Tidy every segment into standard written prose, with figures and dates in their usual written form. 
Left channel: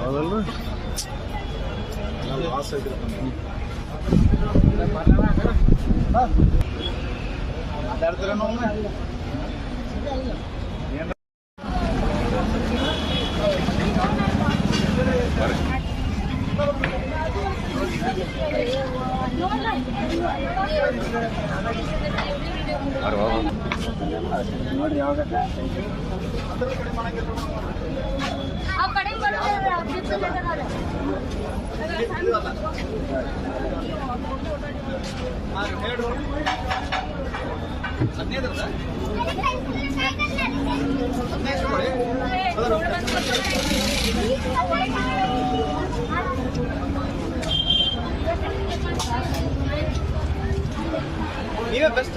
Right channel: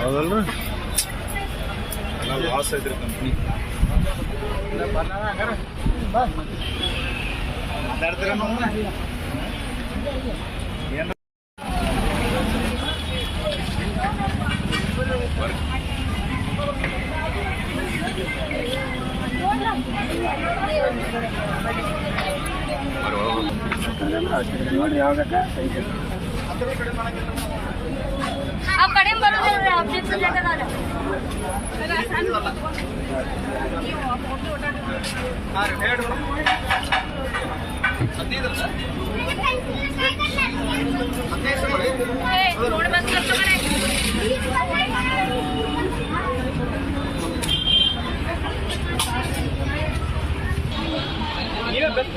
ಹೌದಲ್ರಿ ಲಾಸ್ ಐತ್ರಿ ಕಂಪ್ನಿ ಮಾತಾಡ್ತೀರ ನಾವು ನೋಡಿ ಯಾವಾಗ ನೀವೇ ಬೆಸ್ಟ್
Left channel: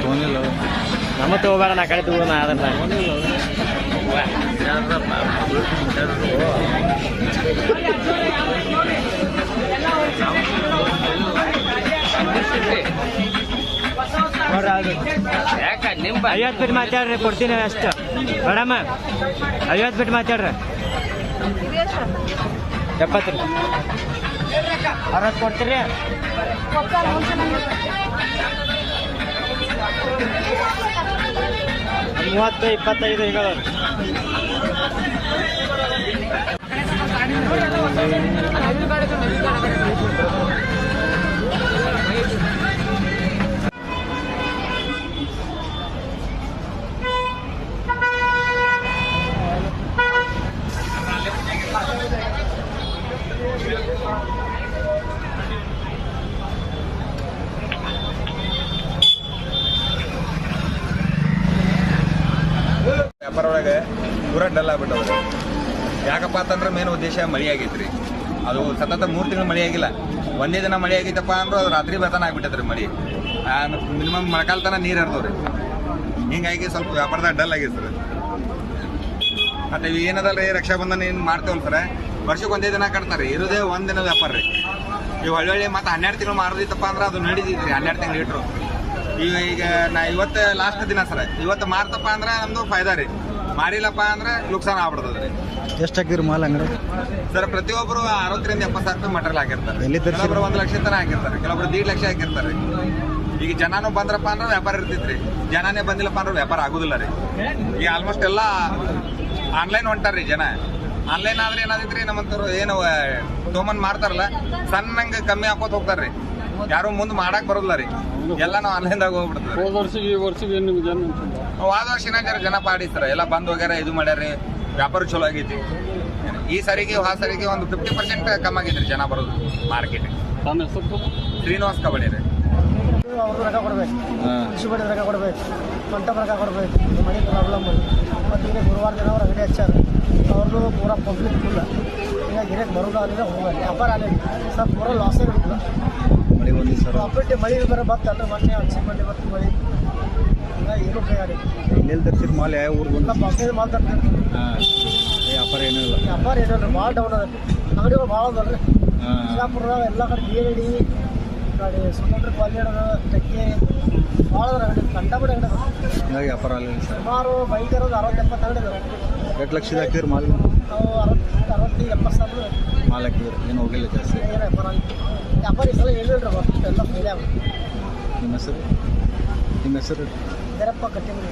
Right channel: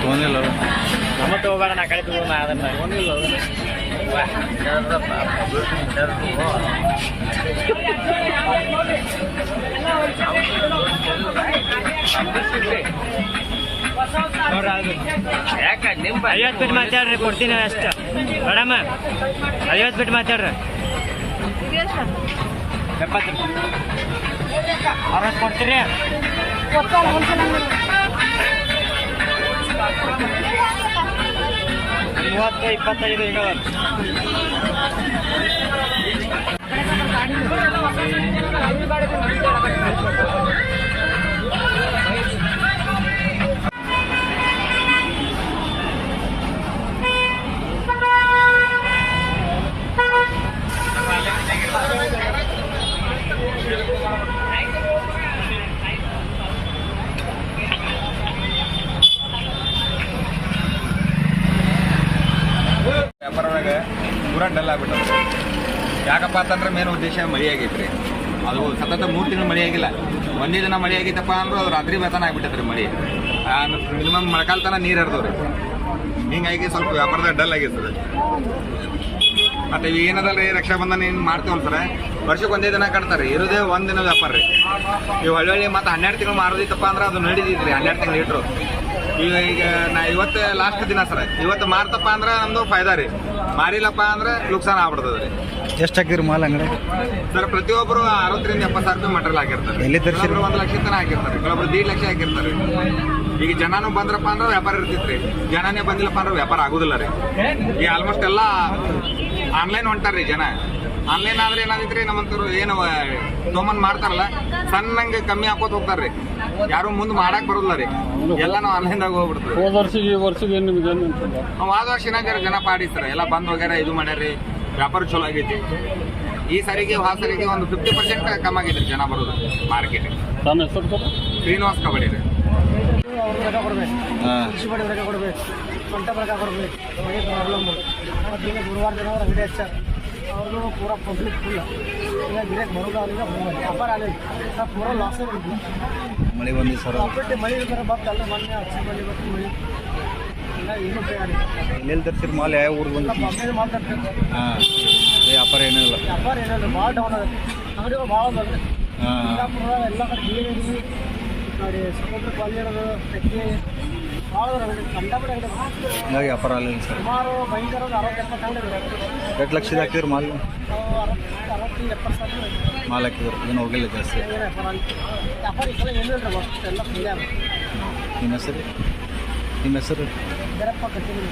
ತೊಗೊಂಡಿಲ್ಲ ನಮ್ಮ ತಗೋಬೇಡ ನಾ ಕಡೆ ತಗೋಣ ಅದನ್ನ ತೊಗೊಂಡಿಲ್ಲ ಐವತ್ತು ಬಿಟ್ಟು ಮಾತಾಡ್ರಿ ಕೊಡ್ತೀನಿ ಅಷ್ಟೇ ಮೇಡಮ್ 50 ಬಿಟ್ಟು ಮಾತಾಡ್ರಿ 70 60 ಕೊಡ್ತೀರಿ 30 25 ಈಗ ವ್ಯಾಪಾರ ಒಳಗೆ ಪೂರಾ ಡಲ್ ಆಗ್ಬಿಟ್ಟವ್ರೆ. ಯಾಕಪ್ಪ ಅಂತಂದ್ರೆ ಮೇನ್ ಉದ್ದೇಶ ಮಳೆ ಆಗೈತ್ರಿ. ಅದು ಸತತ 3 ತಿಂಗಳು ಮಳೆ ಆಗಿಲ್ಲ. ಒಂದೇ ದಿನ ಮಳೆ ಆಗೈತಪ್ಪ ಅಂದ್ರೆ ಅದು ರಾತ್ರಿ ಬೆಳತನ ಆಗ್ಬಿಟ್ಟೈತ್ರಿ ಮಳೆ. ಮಿನಿಮಮ್ ಮೊಳಕಾಲ ತನ ನೀರು ಹರಿದವ್ರಿ. ಹಿಂಗಾಗಿ ಸ್ವಲ್ಪ ವ್ಯಾಪಾರದಾಗ ಡಲ್ ಆಗೈತ್ರಿ. ಮತ್ತೆ ಈಗ ಏನದಲ್ರಿ ರಕ್ಷಾಬಂಧನ ಏನು ಮಾಡ್ತೇವಲ್ಲ ಸರ, ವರ್ಷಕ್ಕೆ ಒಂದೇ ದಿನ ಕಟ್ತಾರೆ, ಇರೋದೇ ಒಂದು ದಿನ ವ್ಯಾಪಾರ ರೀ. ನೀವು ಹಳ್ಳಿ ಮತ್ತೆ 12 ತಿಂಗಳು ಮಾರೋದಿತ್ತಪ್ಪ ಅಂದ್ರೆ ಅದು ನಡೀತಿದ್ರಿ 12 ತಿಂಗಳು ಇಟ್ರು. ಈಗ ನಾ ಇವತ್ತು ಲಾಸ್ಟ್ ದಿನ ಸರ, ಇವತ್ತು ಮಾರ್ತಪ್ಪ ಅಂದ್ರೆ ನಮ್ದು ಫಾಯ್ದಾ ರೀ. ಮಾರಿಲ್ಲಪ್ಪ ಅಂದ್ರೆ ನುಕ್ಸಾನ ಆಗ್ಬಿಡ್ತದೆ. ಎಷ್ಟು ಹಾಕಿರಿ ಮಾಲ್ ಅಂಗಡಿ ಸರ್ ಪ್ರತಿಯೊಬ್ಬರು 60,000 ರಿಂದ 70,000 ರೂಪಾಯಿ ಮಟೀರಿಯಲ್ ಹಾಕಿರ್ತಾರೆ. ಎಲ್ಲಿ ತರಿಸಿರಿ? ಕೆಲವೊಬ್ರು 1 ಲಕ್ಷ ತನಕ ಹಾಕಿರ್ತಾರೆ, ಕೆಲವೊಬ್ರು 1.5 ಲಕ್ಷ ಹಾಕಿರ್ತಾರೆ. ಈಗ ಜನನೂ ಬಂದ್ರಪ್ಪ ಅಂದ್ರೆ ವ್ಯಾಪಾರ ಇರ್ತೈತ್ರಿ, ಜನನೇ ಬಂದಿಲ್ಲಪ್ಪ ಅಂದ್ರೆ ವ್ಯಾಪಾರ ಆಗುದಿಲ್ಲ ರೀ. ಈಗ ಆಲ್ಮೋಸ್ಟ್ ಎಲ್ಲ ಆನ್ಲೈನ್ ಹೊಂಟಾರ್ರಿ ಜನ. ಆನ್ಲೈನ್ ಆದ್ರೆ ಏನಾದೈತ್ರಿ, ನಮ್ಮಂತವ್ರು ಏನು ತೊಗೊಂಬಂದ್ ಮಾಡ್ತಾರಲ್ಲ ಸಣ್ಣಂಗೆ ಕಮ್ಮಿ ಹಾಕೋತ ಹೋಗ್ತಾರ್ರಿ, ಯಾರು ಮುಂದೆ ಮಾಡಕ್ ಬರೋದಿಲ್ಲ ರೀ, ಎಲ್ಲ ನಾವು ಆನ್ಲೈನ್ದಾಗ ಹೋಗ್ಬಿಡ್ತೀವಿ. ವಾದ ವರ್ಷ ಜನ ಪಾಡಿಸ್ತಾರೆ ಎಲ್ಲ ಬಂದ್ ಹೋಗ್ಯಾರ, ಇದು ಮಾಡ್ಯಾರಿ, ವ್ಯಾಪಾರ ಚಲೋ ಆಗೈತಿ. ಈ ಸರಿಗೆ ಸರಿಗೆ ಒಂದು 50% ಕಮ್ಮಿ ಆಗೈತ್ರಿ ಜನ ಬರೋದು ಮಾರ್ಕೆಟ್. ಶ್ರೀನಿವಾಸ್ ಕಬಡ್ಡಿ ರೀ. ಅವ್ರದ್ದು ರೊಕ್ಕ ಕೊಡ್ಬೇಕು, ಕೃಷಿ ಬಡ್ಡಿ ರೊಕ್ಕ ಕೊಡ್ಬೇಕು, ಮಂಟಪ ರೊಕ್ಕ ಕೊಡ್ಬೇಕು, ಮನೆ ಪ್ರಾಬ್ಲಮ್. ಮತ್ತು ಈಗ ಗುರುವಾರ ದಿನ ಅವ್ರು ಅಂಗಡಿ ಹಚ್ಚಾರ, ಅವ್ರದ್ದು ಪೂರಾ ಪಬ್ಲಿಕ್ ಫುಲ್ಲ. ಈಗ ಗಿರಾಕ್ ಬರೋದು ಅಲ್ಲಿಂದ ಹೋಗಲ್ಲ, ವ್ಯಾಪಾರ ಆಗಲಿ ಸ್ವಲ್ಪ ಪೂರಾ ಲಾಸೇ ಬಿಡ್ತಿಲ್ಲ. ಮಳೆ ಒಂದು ಸರ್ ಪ್ರಾಫಿಟ್ ಮಳೆ ಬೇರೆ ಬತ್ತು ಅಲ್ಲ, ಮೊನ್ನೆ ಹಚ್ಚಿ ಬಂದು ಬತ್ತು ಮಳೆ, ಈಗ ಏನು ಉಪಯೋಗ ಎಲ್ಲೆಲ್ಲಿ ತರಿಸಿರಿ ಮಾಲ್? ಯಾವ ಊರಿಗೆ ಬಂದು ಬಾಂಬೆ ಮಾತಾಡ್ತಾರೆ. ವ್ಯಾಪಾರ ಏನಿಲ್ಲ, ವ್ಯಾಪಾರ ಏನಿಲ್ಲ, ಭಾಳ ಡೌನ್ ಅದ. ಅಂಗಡಿಗಳು ಭಾಳ ಅದ. ಬಿಜಾಪುರ ಎಲ್ಲ ಕಡೆ ಬಿಡಿ ಗಾಡಿ ಸ್ಕೂಟ್ರ್ ಕ್ವಾಲಿಟಿ ಟೆಕ್ಕಿ ಭಾಳ ಅಂಗಡಿ, ಕಂಡಬಿಟ್ಟು ಅಂಗಡಿ ಹಿಂಗಾಗಿ ವ್ಯಾಪಾರ ಆಗಲಿಲ್ಲ ಸರ್. ಸುಮಾರು ಭಯಂಕರ 60-70 ಅಂಗಡಿ ಇದೆ. ಎಷ್ಟು ಲಕ್ಷದ ಹಾಕಿದ್ರಿ ಮಾಲ್? ನಾವು 60-70 ಸಾವಿರ ಮಾಲ್ ಹಾಕಿದ್ರು, ಏನು ಹೋಗಿಲ್ಲ ಜಾಸ್ತಿ. ಏನು ವ್ಯಾಪಾರ ವ್ಯಾಪಾರ ಈ ಸಲ ಏನಿಲ್ಲ ರೀ, ಬಸ್ ಎಲ್ಲ ಫ್ರೀ ಆಗ. ನಿಮ್ಮ ಹೆಸರು? ನಿಮ್ಮ ಹೆಸರು? ಬೇರಪ್ಪ ಕಟ್ಟಿಂಗ್.